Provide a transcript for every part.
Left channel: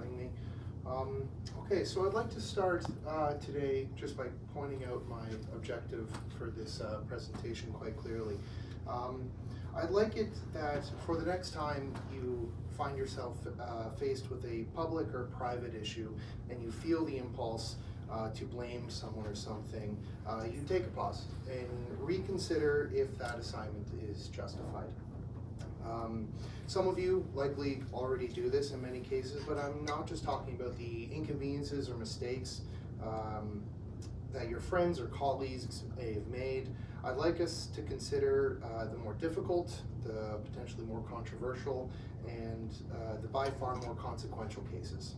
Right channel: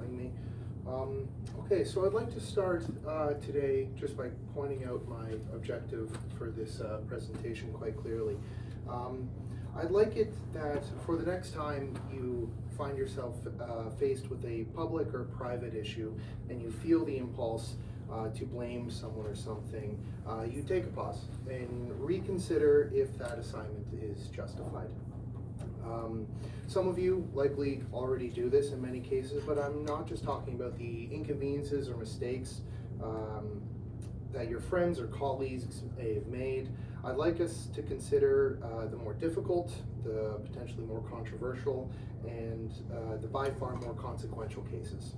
having me. Okay, so I'd like to start today just by pointing out my objective for this presentation quite clearly. I'd like it that for the next time you find yourself faced with a public or private issue and you feel the impulse to blame someone or something, you take a pause and reconsider if that assignment is justified. Some of you likely already do this in many cases, but I'm not just talking about the inconveniences or mistakes that your friends or colleagues may have made. I'd like us to consider the more difficult, the potentially more controversial, and the by far more consequential cases.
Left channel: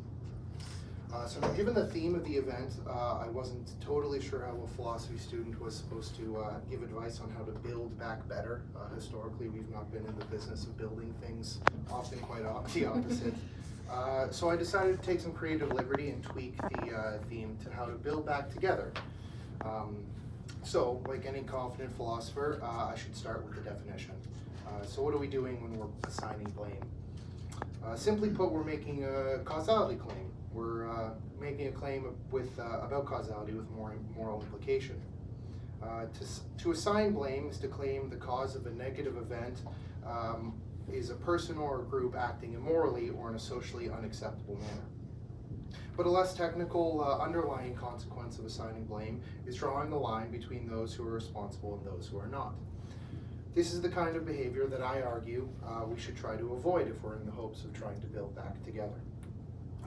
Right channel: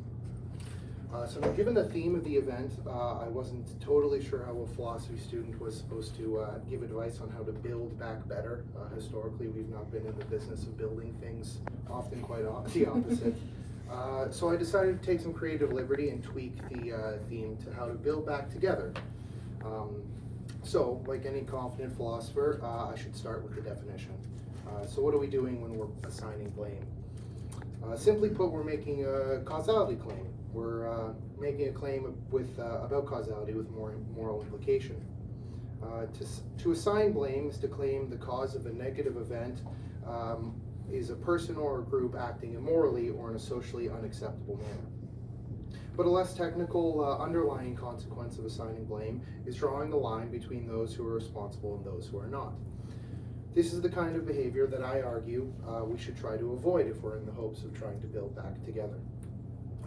So given the theme of the event, I wasn't totally sure how a philosophy student was supposed to give advice on how to build back better. Historically, we've not been in the business of building things, often quite the opposite. So I decided to take some creative liberty and tweak the theme to how to build back together. So, like any confident philosopher, I should start with the definition. So what are we doing when we're assigning blame? Simply put, we're making a causality claim. We're making a claim about causality with moral implication. To assign blame is to claim the cause of a negative event is a person or a group acting immorally or in a socially unacceptable manner. But a less technical underlying consequence of assigning blame is drawing the line between those who are responsible and those who are not. This is the kind of behavior that I argue we should try to avoid if we're in the hopes of trying to build back together.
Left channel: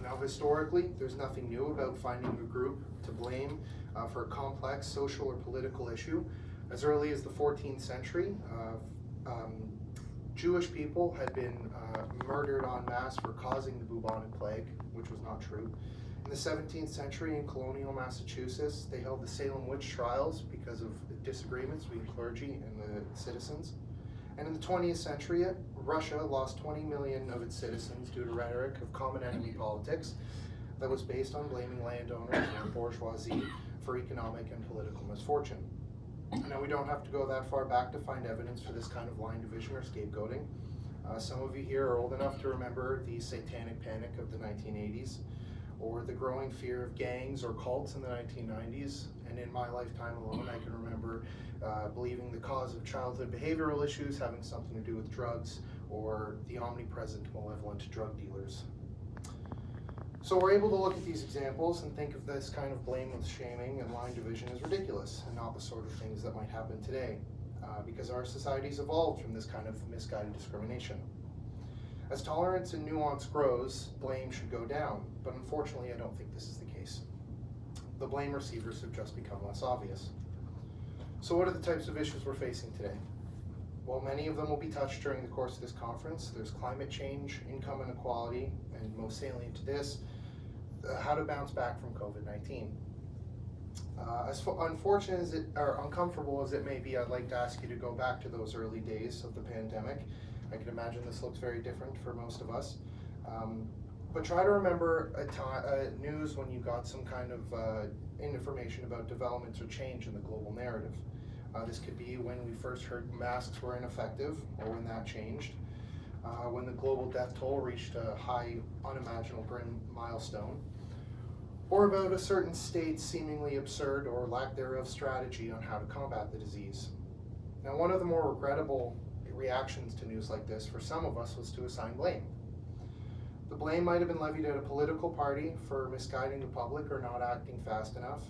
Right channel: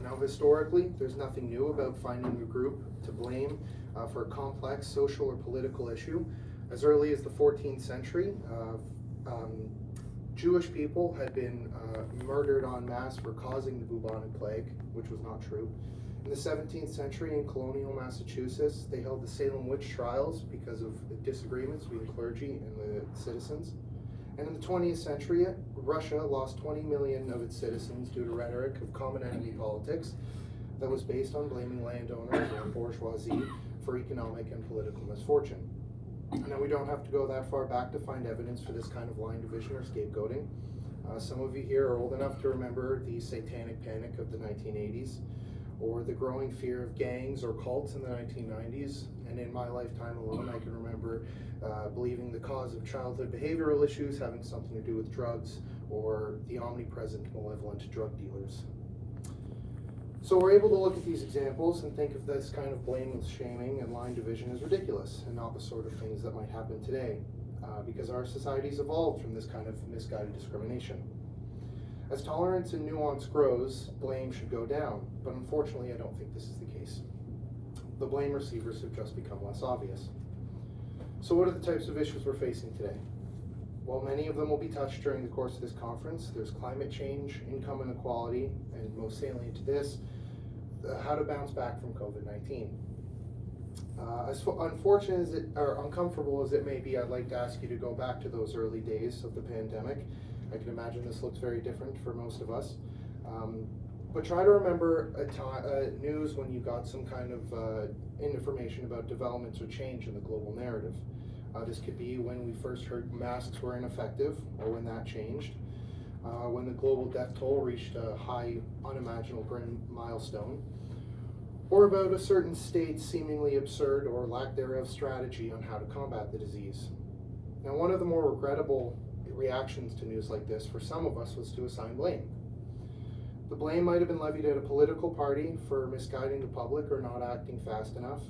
Now, historically, there's nothing new about finding a group to blame for a complex social or political issue. As early as the 14th century, Jewish people had been murdered en masse for causing the bubonic plague, which was not true. In the 17th century, in colonial Massachusetts, they held the Salem witch trials because of the disagreements between clergy and the citizens. And in the 20th century, Russia lost 20 million of its citizens due to rhetoric of common enemy politics that was based on blaming landowners and bourgeoisie for economic and political misfortune. Now, we don't have to go that far back to find evidence for this kind of line division or scapegoating. Some of you here are old enough to remember the satanic panic of the 1980s, or the growing fear of gangs or cults in the 1990s. And in my lifetime alone, I can remember believing the cause of childhood behavioral issues having something to do with drugs, or the omnipresent malevolent drug dealers. So we're able to look at these examples and think of this kind of blameless shaming and line division as ridiculous and not the sort of things that might happen today, because our society's evolved from this kind of misguided discrimination. As tolerance and nuance grows, blame should go down, but unfortunately I don't think this is the case. The blame receivers have just become less obvious. So what are the types of issues we're facing today? Well, many of them will be touched during the course of this conference. There's climate change, income inequality, and most salient to this, how to bounce back from COVID-19. As unfortunate as it, or uncomfortable as it may be, I'd like to ask you to go back to those early days of the pandemic. I can imagine this looks very different for most of us. But try to remember news when you got some kind of information about developments or change in the global narrative. This could be when we first heard masks were ineffective, or when that changed, when the global death toll reached a high, unimaginable milestone, or about a certain state's seemingly absurd or lack thereof strategy on how to combat the disease. Now, one of the more regrettable reactions to news like this for some of us was to assign blame. The blame might have been levied at a political party for misguiding the public or not acting fast enough,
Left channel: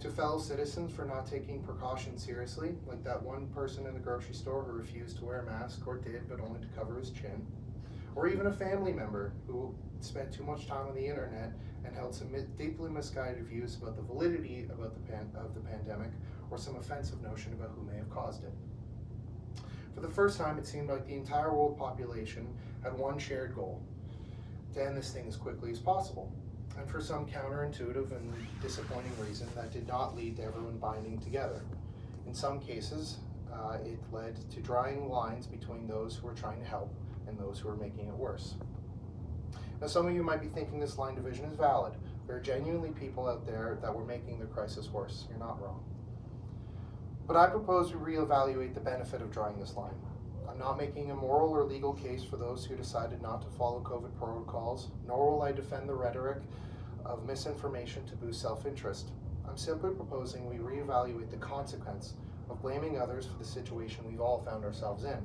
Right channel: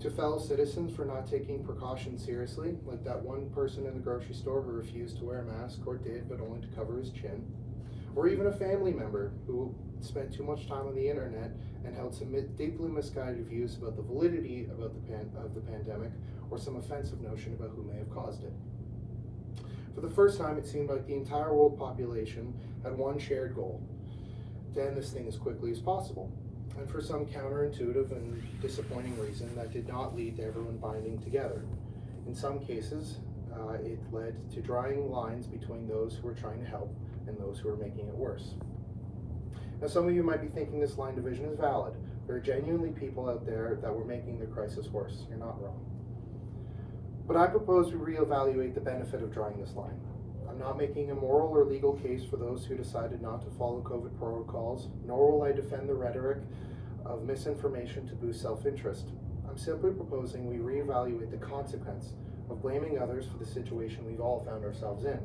to fellow citizens for not taking precautions seriously, like that one person in the grocery store who refused to wear a mask, or did, but only to cover his chin, or even a family member who spent too much time on the internet and held some deeply misguided views about the validity of the pandemic, or some offensive notion about who may have caused it. For the first time, it seemed like the entire world population had one shared goal: to end this thing as quickly as possible. And for some counterintuitive and disappointing reason, that did not lead to everyone binding together. In some cases, it led to drawing lines between those who were trying to help and those who were making it worse. Now, some of you might be thinking this line division is valid. There are genuinely people out there that were making the crisis worse. You're not wrong. But I propose we reevaluate the benefit of drawing this line. I'm I'm not making a moral or legal case for those who decided not to follow COVID protocols, nor will I defend the rhetoric of misinformation to boost self-interest. I'm simply proposing we reevaluate the consequence of blaming others for the situation we've all found ourselves in.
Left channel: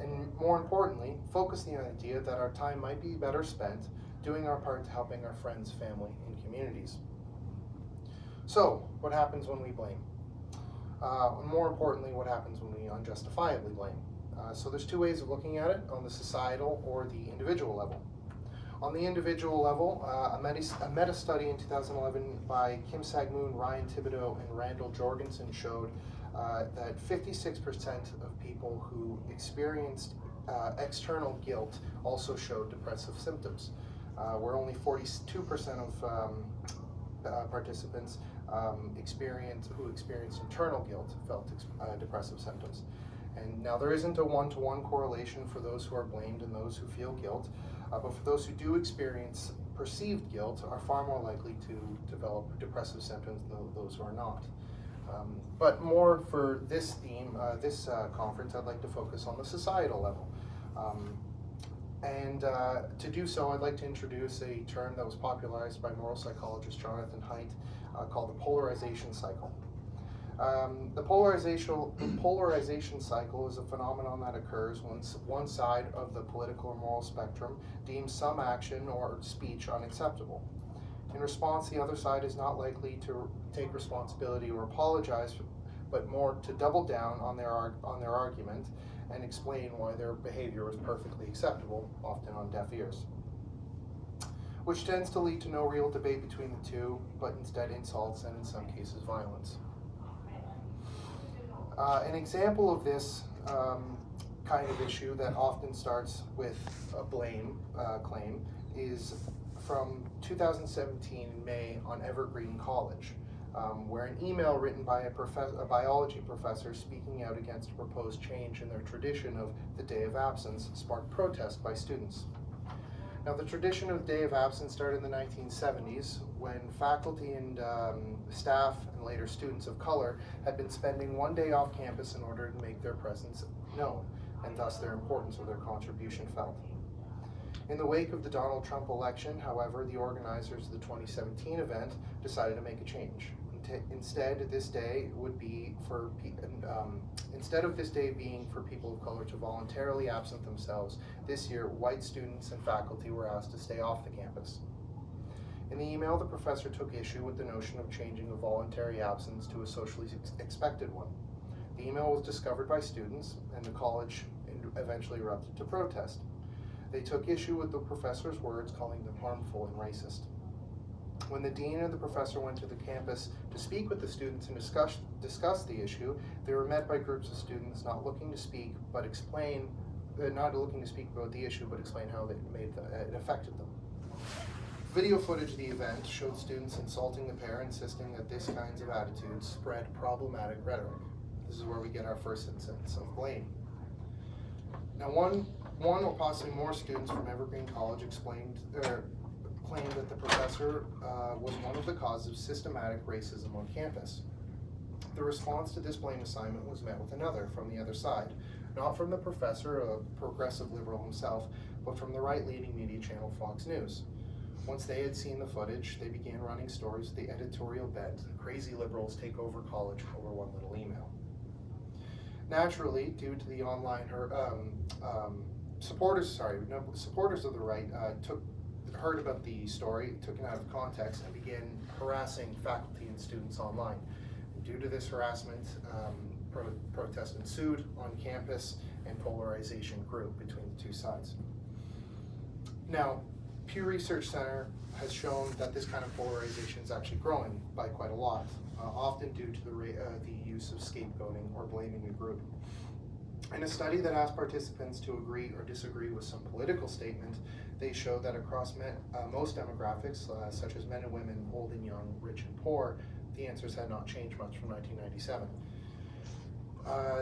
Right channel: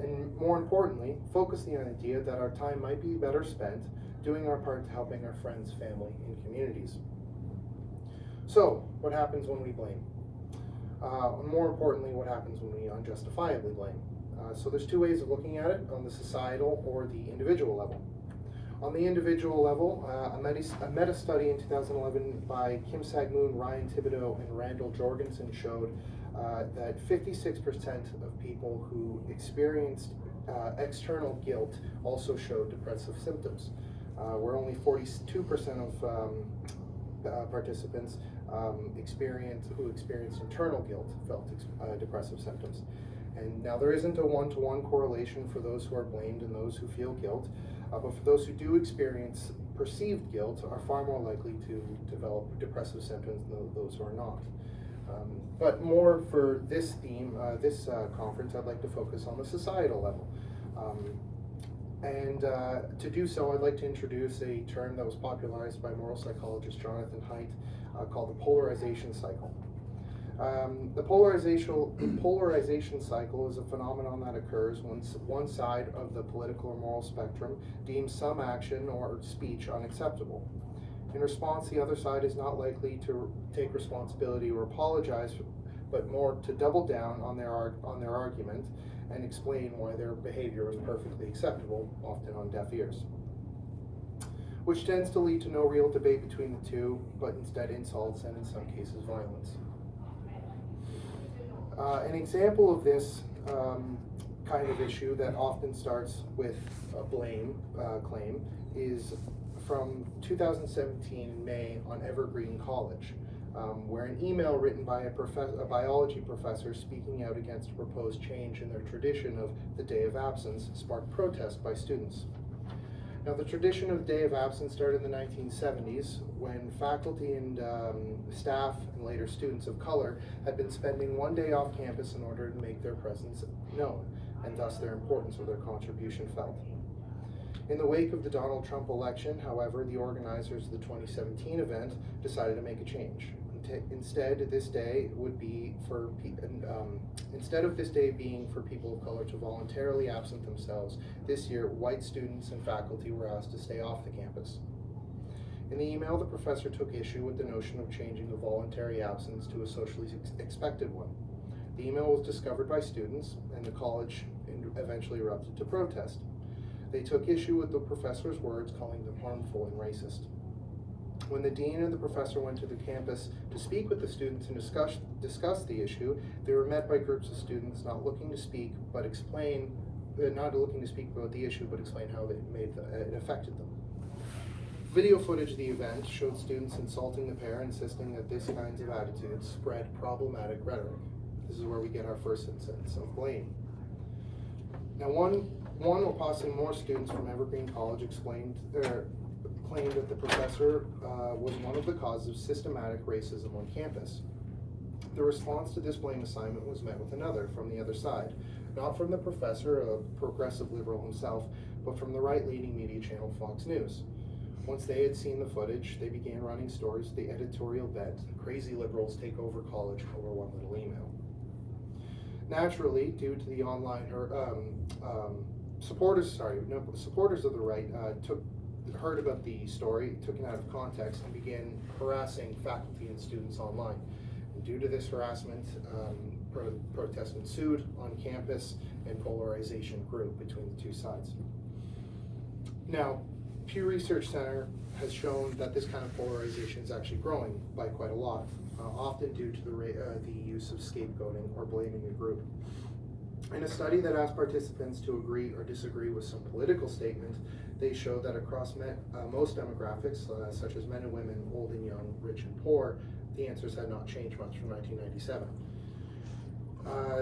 And more importantly, focus the idea that our time might be better spent doing our part to helping our friends, family, and communities. So, what happens when we blame? And more importantly, what happens when we unjustifiably blame? So there's two ways of looking at it, on the societal or the individual level. On the individual level, a meta-study in 2011 by Kim Sang-moon, Ryan Thibodeau, and Randall Jorgensen showed that 56% of people who experienced external guilt also showed depressive symptoms, where only 42% of participants who experienced internal guilt felt depressive symptoms. And now there isn't a one-to-one correlation for those who are blamed and those who feel guilt, but for those who do experience perceived guilt are far more likely to develop depressive symptoms than those who are not. But more for this theme, this conference, I'd like to focus on the societal level. To do so, I'd like to introduce a term that was popularized by moral psychologist Jonathan Haidt called the polarization cycle. The polarization cycle is a phenomenon that occurs when one side of the political or moral spectrum deems some action or speech unacceptable. In response, the other side is not likely to take responsibility or apologize, but more to double down on their argument and explain why their behavior was perfectly acceptable, often on deaf ears, which tends to lead to no real debate between the two, but instead insults and in some cases violence. An example of this kind of issue that often starts with a blame claim is from 2017 in May on Evergreen College, where an email written by a biology professor speaking out against a proposed change in their tradition of the Day of Absence sparked protest by students. Now, the tradition of Day of Absence started in the 1970s when faculty and staff and later students of color had been spending one day off campus in order to make their presence known, and thus their importance or their contribution felt. In the wake of the Donald Trump election, however, the organizers of the 2017 event decided to make a change. Instead of this day being for people of color to voluntarily absent themselves, this year white students and faculty were asked to stay off the campus. In the email, the professor took issue with the notion of changing a voluntary absence to a socially expected one. The email was discovered by students, and the college eventually erupted to protest. They took issue with the professor's words, calling them harmful and racist. When the dean and the professor went to the campus to speak with the students and discuss the issue, they were met by groups of students not looking to speak about the issue, but explain how it affected them. Video footage of the event showed students insulting the pair, insisting that these kinds of attitudes spread problematic rhetoric. This is where we get our first instance of blame. Now, one or possibly more students from Evergreen College claimed that the professor was one of the causes of systematic racism on campus. The response to this blame assignment was met with another from the other side, not from the professor, a progressive liberal himself, but from the right-leaning media channel Fox News. Once they had seen the footage, they began running stories with the editorial bent, "Crazy liberals take over college over one little email." Naturally, due to the online supporters of the right heard about the story, took it out of context, and began harassing faculty and students online. And due to this harassment, protest ensued on campus, and polarization grew between the two sides. Now, Pew Research Center has shown that this kind of polarization is actually growing by quite a lot, often due to the use of scapegoating or blaming a group. In a study that asked participants to agree or disagree with some political statement, they showed that across most demographics, such as men and women, old and young, rich and poor, the answers had not changed much from 1997.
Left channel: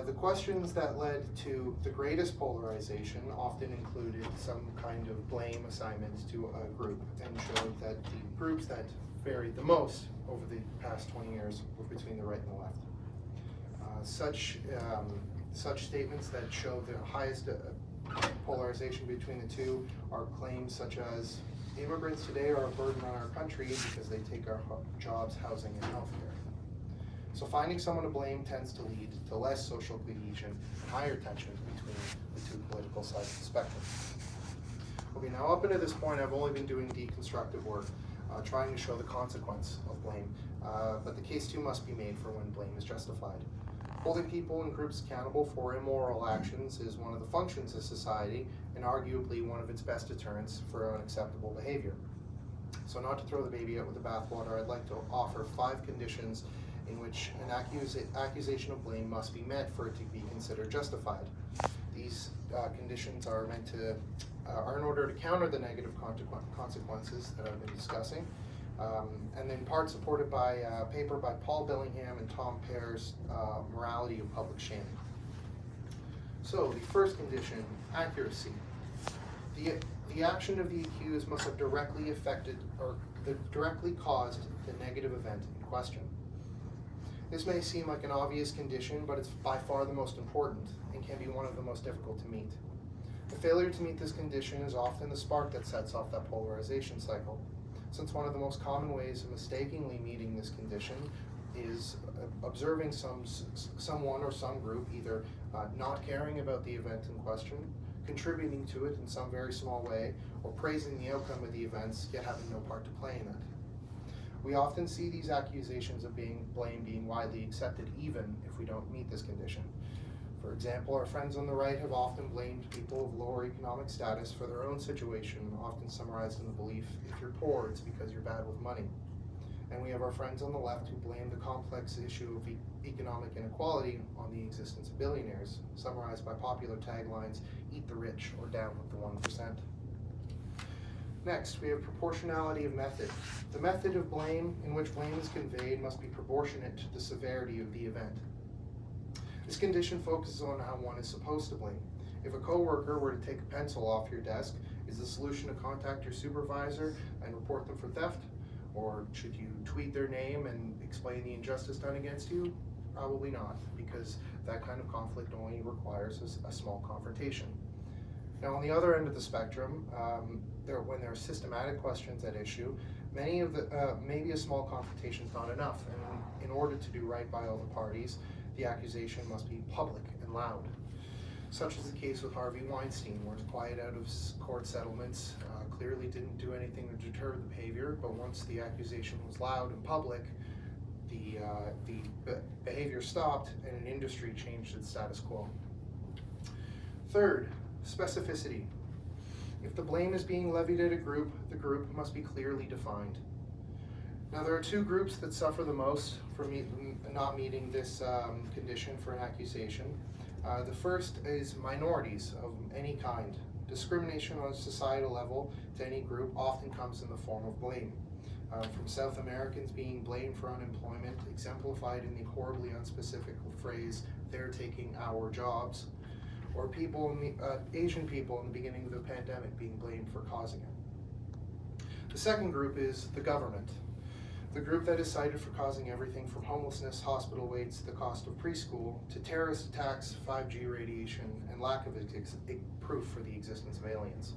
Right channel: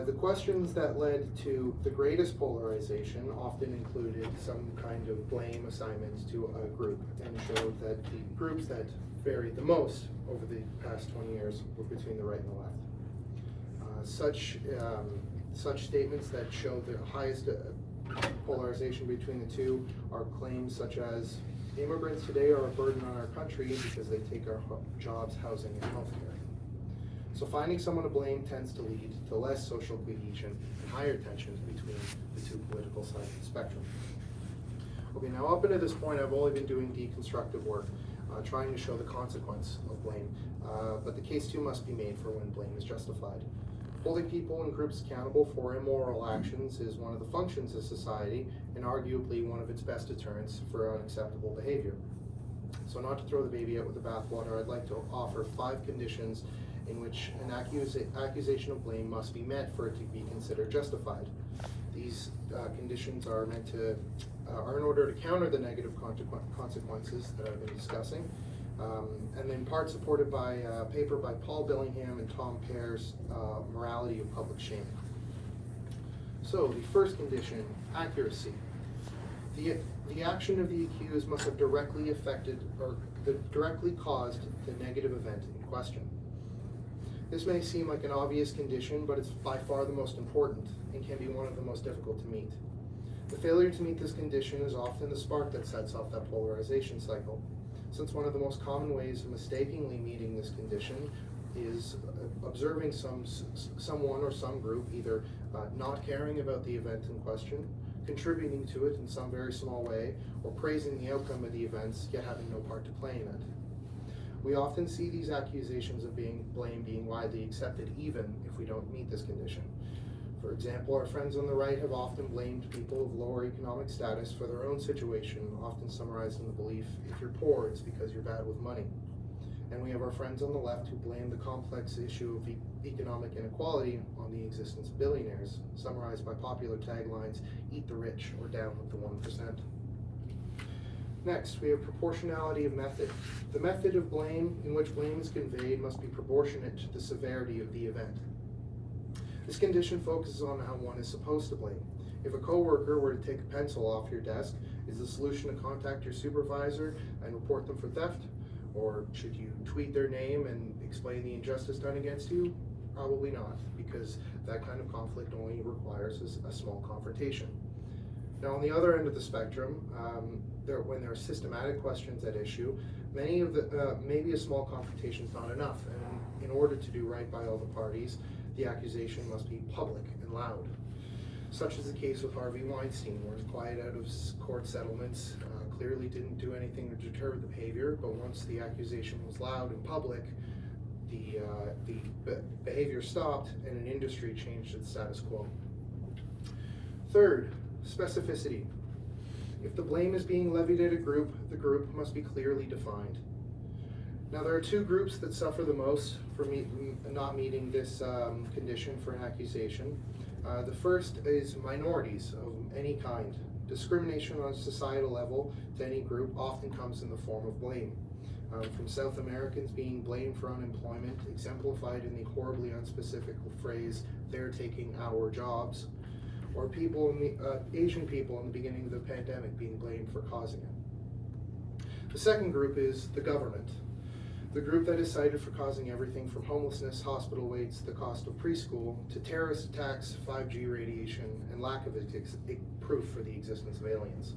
The questions that led to the greatest polarization often included some kind of blame assignment to a group, and showed that the groups that varied the most over the past 20 years were between the right and the left. Such statements that show the highest polarization between the two are claims such as immigrants today are a burden on our country because they take our jobs, housing, and healthcare. So finding someone to blame tends to lead to less social cohesion and higher tensions between the two political sides of the spectrum. Okay, now up until this point, I've only been doing deconstructive work, trying to show the consequence of blame, but the case too must be made for when blame is justified. Holding people and groups accountable for immoral actions is one of the functions of society and arguably one of its best deterrents for unacceptable behavior. So not to throw the baby out with the bathwater, I'd like to offer 5 conditions in which an accusation of blame must be met for it to be considered justified. These conditions are meant to are in order to counter the negative consequences that I've been discussing, and in part supported by a paper by Paul Billingham and Tom Pear's Morality of Public Shaming. So the first condition, accuracy. The action of the accused must have directly affected or directly caused the negative event in question. This may seem like an obvious condition, but it's by far the most important and can be one of the most difficult to meet. The failure to meet this condition is often the spark that sets off that polarization cycle, since one of the most common ways of mistakenly meeting this condition is observing someone or some group either not caring about the event in question, contributing to it in some very small way, or praising the outcome of the events, yet having no part to play in it. We often see these accusations of blame being widely accepted even if we don't meet this condition. For example, our friends on the right have often blamed people of lower economic status for their own situation, often summarized in the belief, if you're poor, it's because you're bad with money. And we have our friends on the left who blame the complex issue of economic inequality on the existence of billionaires, summarized by popular taglines, eat the rich or down with the 1%. Next, we have proportionality of method. The method of blame in which blame is conveyed must be proportionate to the severity of the event. This condition focuses on how one is supposed to blame. If a coworker were to take a pencil off your desk, is the solution to contact your supervisor and report them for theft? Or should you tweet their name and explain the injustice done against you? Probably not, because that kind of conflict only requires a small confrontation. Now, on the other end of the spectrum, when there are systematic questions at issue, maybe a small confrontation is not enough, and in order to do right by all the parties, the accusation must be public and loud. Such is the case with Harvey Weinstein, where his quiet out of court settlements clearly didn't do anything to deter the behavior, but once the accusation was loud and public, the behavior stopped and an industry changed its status quo. Third, specificity. If the blame is being levied at a group, the group must be clearly defined. Now, there are 2 groups that suffer the most for not meeting this condition for an accusation. The first is minorities of any kind. Discrimination on a societal level to any group often comes in the form of blame. From South Americans being blamed for unemployment, exemplified in the horribly unspecific phrase, "they're taking our jobs," or Asian people in the beginning of the pandemic being blamed for causing it. The second group is the government. The group that is cited for causing everything from homelessness, hospital waits, the cost of preschool, to terrorist attacks, 5G radiation, and lack of proof for the existence of aliens.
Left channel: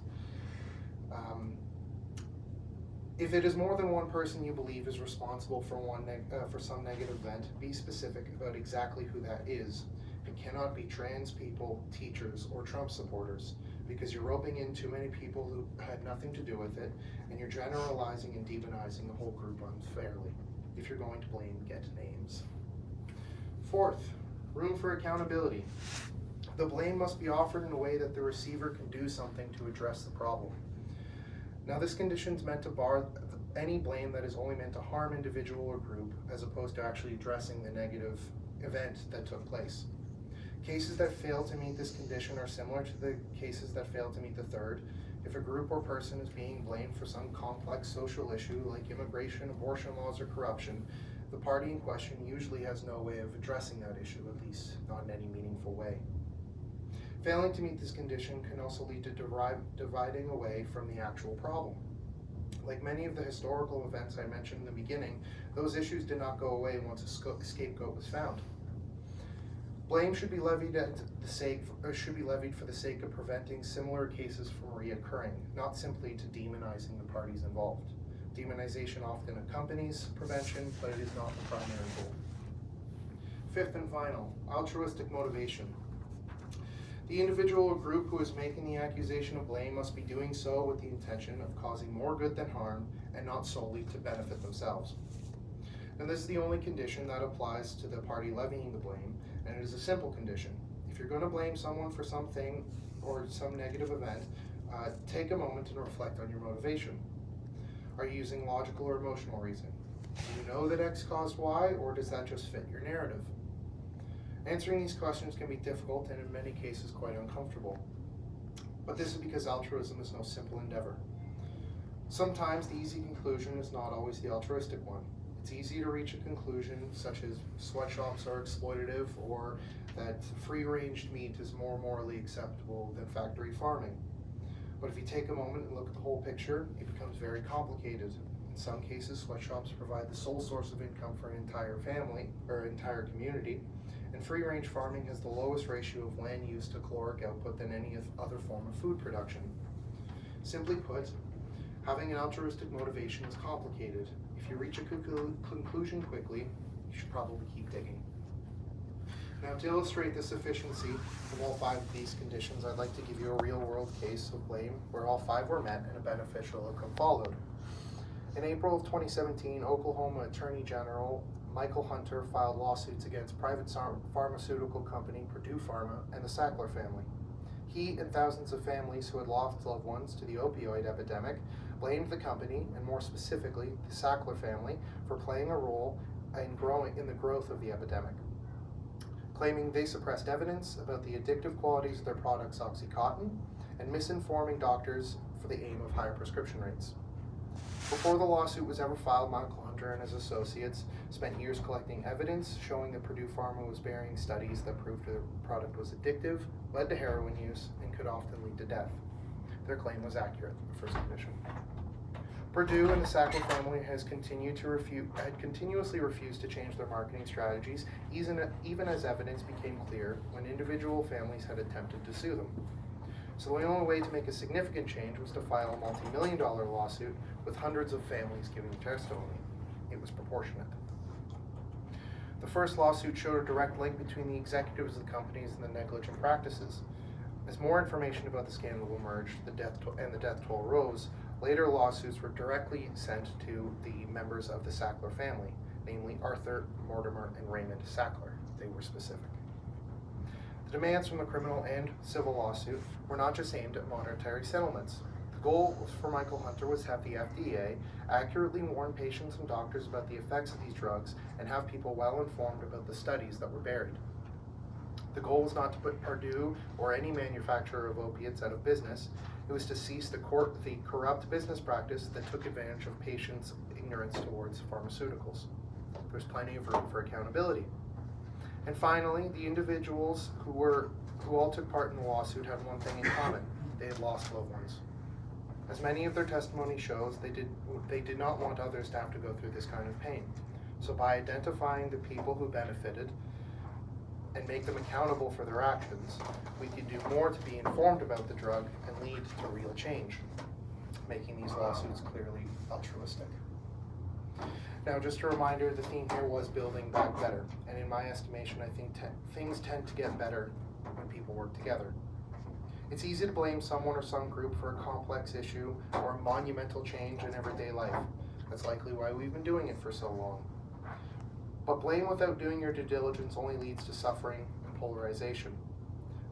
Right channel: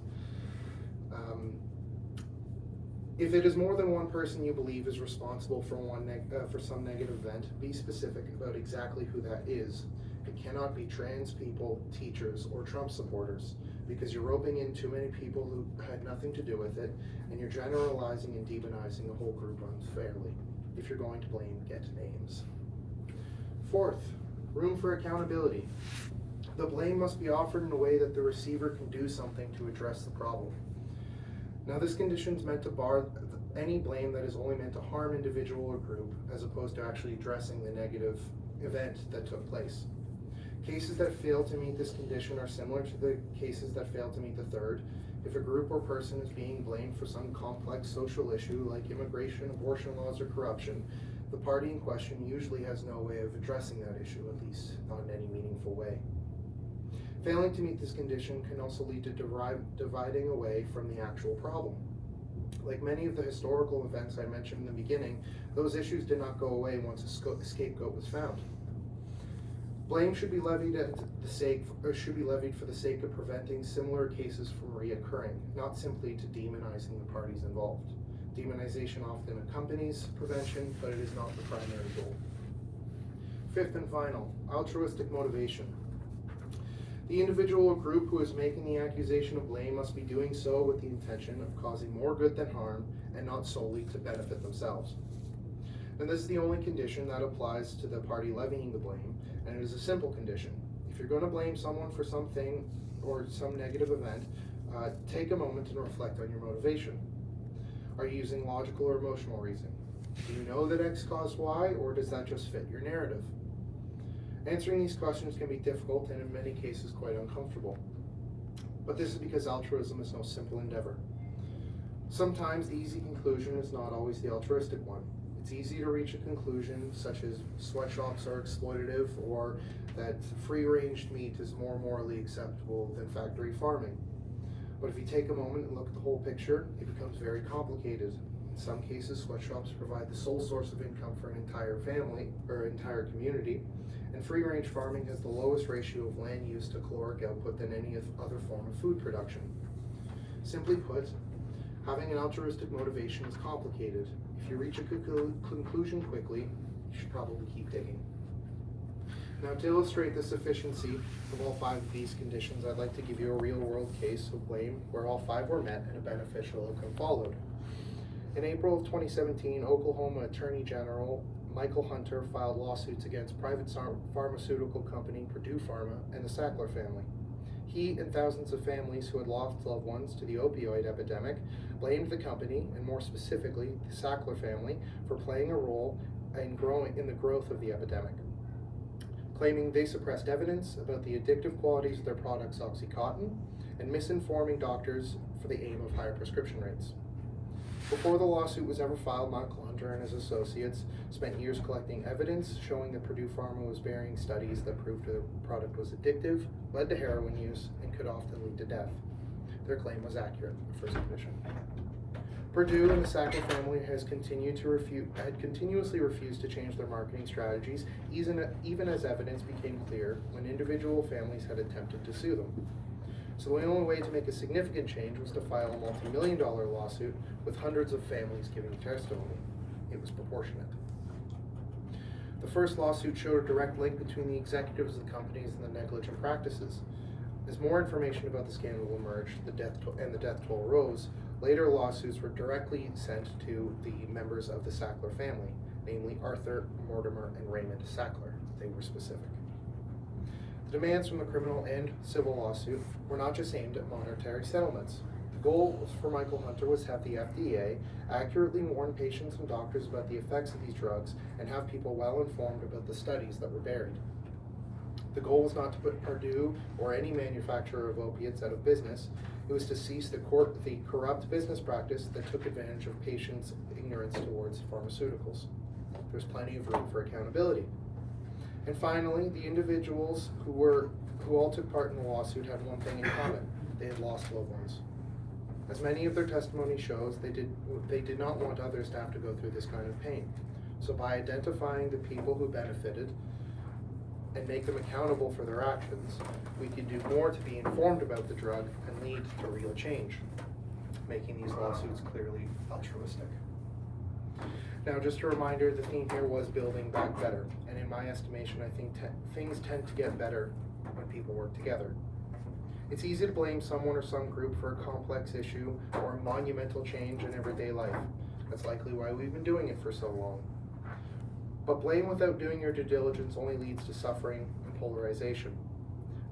If it is more than one person you believe is responsible for some negative event, be specific about exactly who that is. It cannot be trans people, teachers, or Trump supporters, because you're roping in too many people who had nothing to do with it, and you're generalizing and demonizing the whole group unfairly. If you're going to blame, get names. Fourth, room for accountability. The blame must be offered in a way that the receiver can do something to address the problem. Now, this condition is meant to bar any blame that is only meant to harm individual or group, as opposed to actually addressing the negative event that took place. Cases that fail to meet this condition are similar to the cases that fail to meet the third. If a group or person is being blamed for some complex social issue like immigration, abortion laws, or corruption, the party in question usually has no way of addressing that issue, at least not in any meaningful way. Failing to meet this condition can also lead to dividing away from the actual problem. Like many of the historical events I mentioned in the beginning, those issues did not go away once a scapegoat was found. Blame should be levied for the sake of preventing similar cases from reoccurring, not simply to demonizing the parties involved. Demonization often accompanies prevention, but it is not the primary goal. Fifth and final, altruistic motivation. The individual or group who is making the accusation of blame must be doing so with the intention of causing more good than harm and not solely to benefit themselves. And this is the only condition that applies to the party levying the blame, and it is a simple condition. If you're going to blame someone for something or some negative event, take a moment and reflect on your motivation. Are you using logical or emotional reasoning? Do you know that X caused Y, or does that just fit your narrative? Answering these questions can be difficult and in many cases quite uncomfortable. But this is because altruism is no simple endeavor. Sometimes the easy conclusion is not always the altruistic one. It's easy to reach a conclusion such as sweatshops are exploitative, or that free-range meat is more morally acceptable than factory farming. But if you take a moment and look at the whole picture, it becomes very complicated. In some cases, sweatshops provide the sole source of income for an entire family or entire community, and free-range farming has the lowest ratio of land use to caloric output than any other form of food production. Simply put, having an altruistic motivation is complicated. If you reach a conclusion quickly, you should probably keep digging. Now, to illustrate the sufficiency of all 5 of these conditions, I'd like to give you a real-world case of blame where all 5 were met and a beneficial outcome followed. In April of 2017, Oklahoma Attorney General Michael Hunter filed lawsuits against private pharmaceutical company Purdue Pharma and the Sackler family. He and thousands of families who had lost loved ones to the opioid epidemic blamed the company, and more specifically, the Sackler family, for playing a role in the growth of the epidemic, claiming they suppressed evidence about the addictive qualities of their products OxyContin and misinforming doctors for the aim of higher prescription rates. Before the lawsuit was ever filed, Michael Hunter and his associates spent years collecting evidence showing that Purdue Pharma was burying studies that proved their product was addictive, led to heroin use, and could often lead to death. Their claim was accurate, the first condition. Purdue and the Sackler family had continuously refused to change their marketing strategies, even as evidence became clear when individual families had attempted to sue them. So the only way to make a significant change was to file a multi-million-dollar lawsuit with hundreds of families giving testimony. It was proportionate. The first lawsuit showed a direct link between the executives of the companies and the negligent practices. As more information about the scandal emerged, the death toll rose. Later lawsuits were directly sent to the members of the Sackler family, namely Arthur, Mortimer, and Raymond Sackler. They were specific. The demands from the criminal and civil lawsuit were not just aimed at monetary settlements. The goal for Michael Hunter was to have the FDA accurately warn patients and doctors about the effects of these drugs and have people well informed about the studies that were buried. The goal was not to put Purdue or any manufacturer of opiates out of business. It was to cease the corrupt business practice that took advantage of patients' ignorance towards pharmaceuticals. There's plenty of room for accountability. And finally, the individuals who all took part in the lawsuit had one thing in common: they had lost loved ones. As many of their testimony shows, they did not want others to have to go through this kind of pain. So by identifying the people who benefited and make them accountable for their actions, we could do more to be informed about the drug and lead to real change, making these lawsuits clearly altruistic. Now, just a reminder, the theme here was building back better, and in my estimation, I think things tend to get better when people work together. It's easy to blame someone or some group for a complex issue or a monumental change in everyday life. That's likely why we've been doing it for so long. But blame without doing your due diligence only leads to suffering and polarization.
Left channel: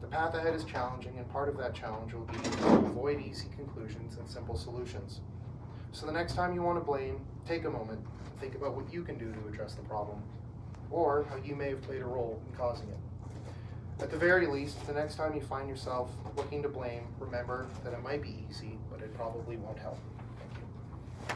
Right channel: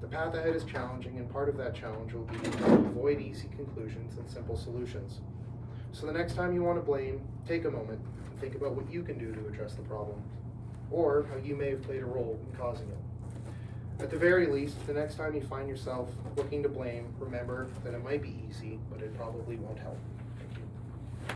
The path ahead is challenging, and part of that challenge will be to avoid easy conclusions and simple solutions. So the next time you want to blame, take a moment and think about what you can do to address the problem, or how you may have played a role in causing it. At the very least, the next time you find yourself looking to blame, remember that it might be easy, but it probably won't help.